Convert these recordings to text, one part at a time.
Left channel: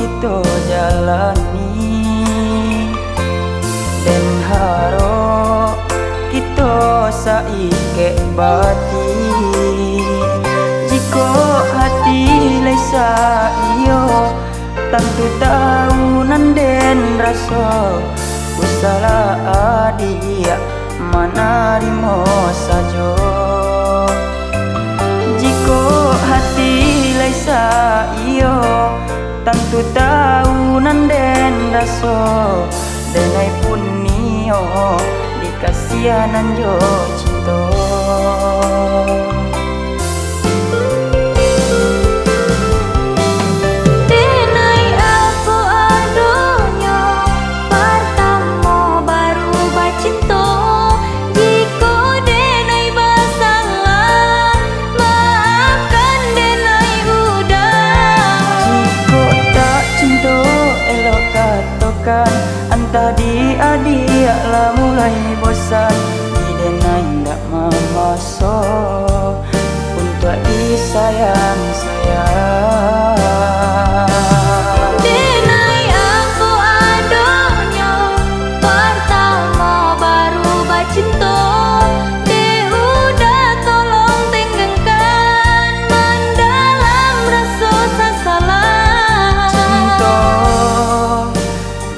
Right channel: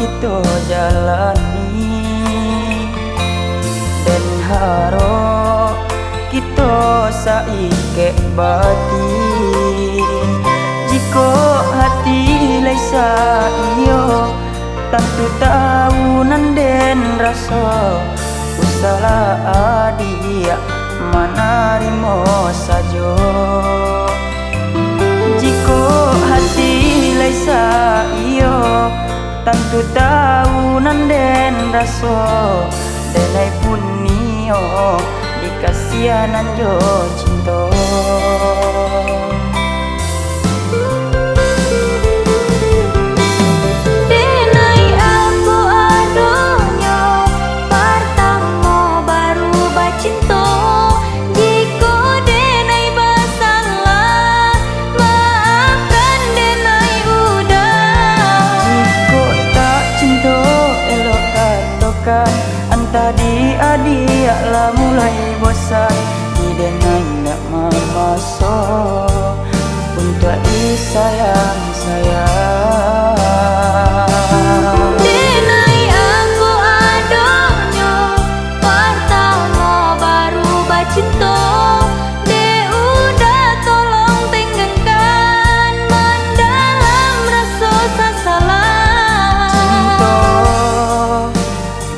kita jalani, dan harap kita saike batin. Jika hati laisa iyo, tentu tahu nanden rasa usahlah adia manarimo saja. Jika hati laisa iyo, tentu tahu nanden rasa denai punio dikasihanan jo cinta. Denai apa adonyo pertama baru bacinta. Jika denai basalah maafkan denai udah. Jika tak cinta elok katakan, antah dia lah mulai bosan. Di denai ndak mamaso untuk disayang-sayang. Denai apa adonyo pertama baru bacinta. De udah tolong tenggangkan mendalam rasa sasalah. Cinta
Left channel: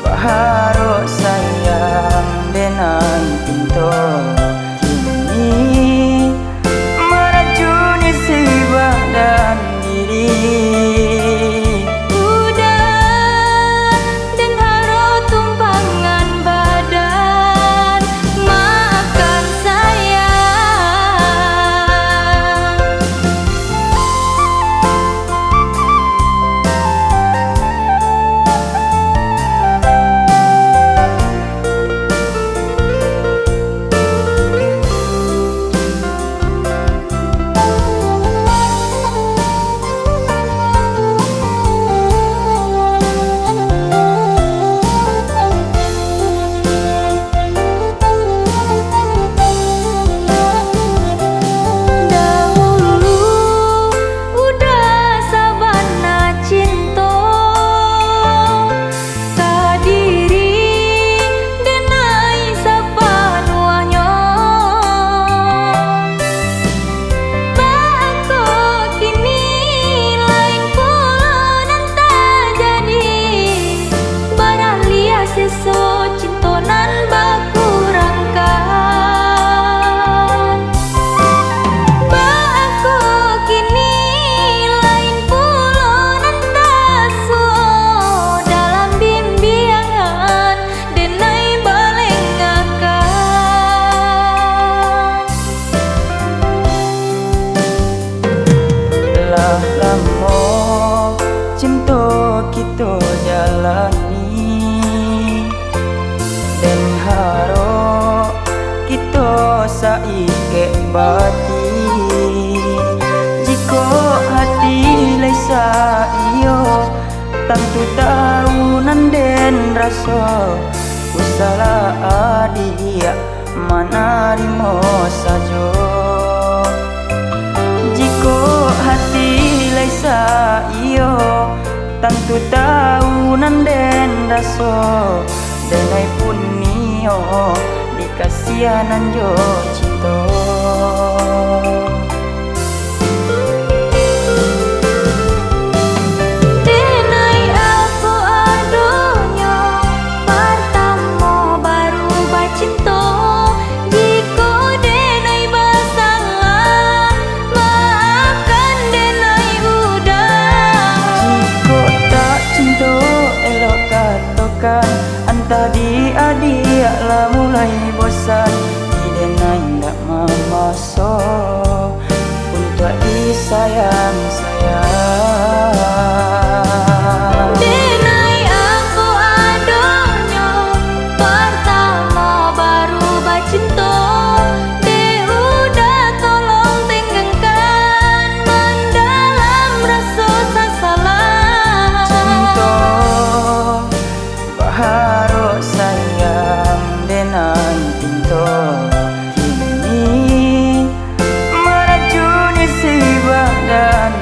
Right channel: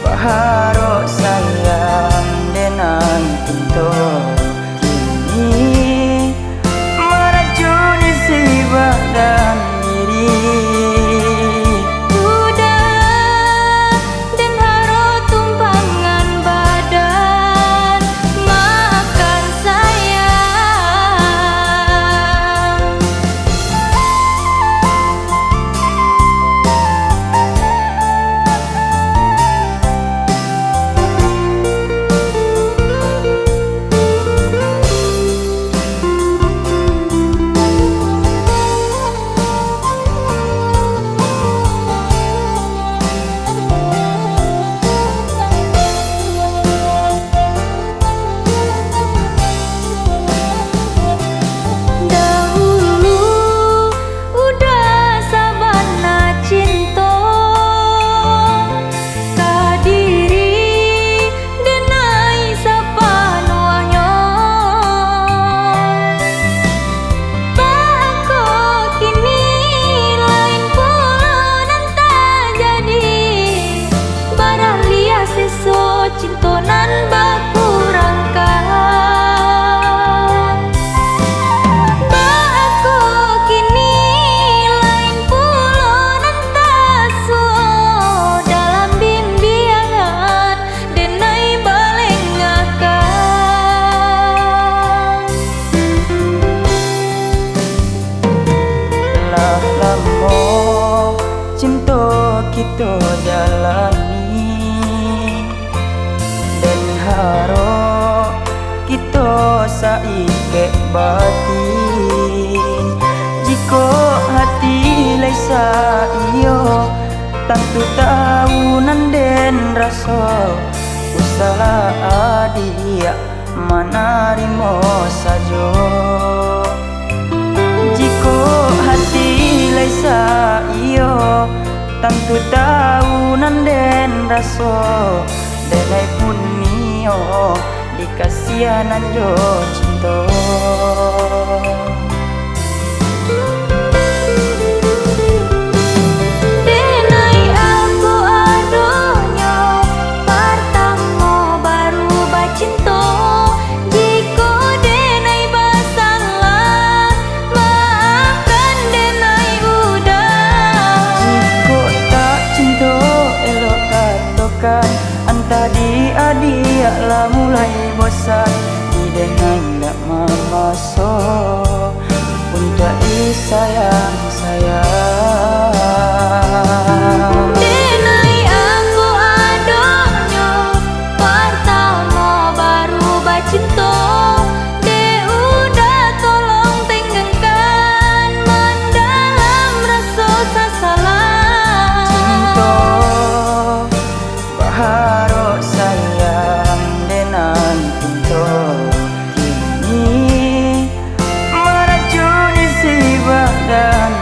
baharu sayang denai pinto, kini meracuni si badan diri. Udah dan harus tumpangan badan, maafkan sayang. Dahulu udah sabana cinta kadiri denai sapanuahnya. Bako kini lain pula nanta jadi, baralia seso cintonan bakurangkan. Bako kini lain pula nantaso dalam bimbingan denai balengakan. Lah lama cinta kita jalani, dan harap kita saike batin. Jika hati laisa iyo, tentu tahu nanden rasa usahlah adia manarimo saja. Jika hati laisa iyo, tentu tahu nanden rasa denai punio dikasihanan jo cinta. Denai apa adonyo pertama baru bacinta. Jika denai basalah maafkan denai udah. Jika tak cinta elok katakan, antah dia lah mulai bosan. Di denai ndak mamaso untuk disayang-sayang. Denai apa adonyo pertama baru bacinta. De udah tolong tenggangkan mendalam rasa sasalah. Cinta baharu sayang denai pinto, kini meracuni si badan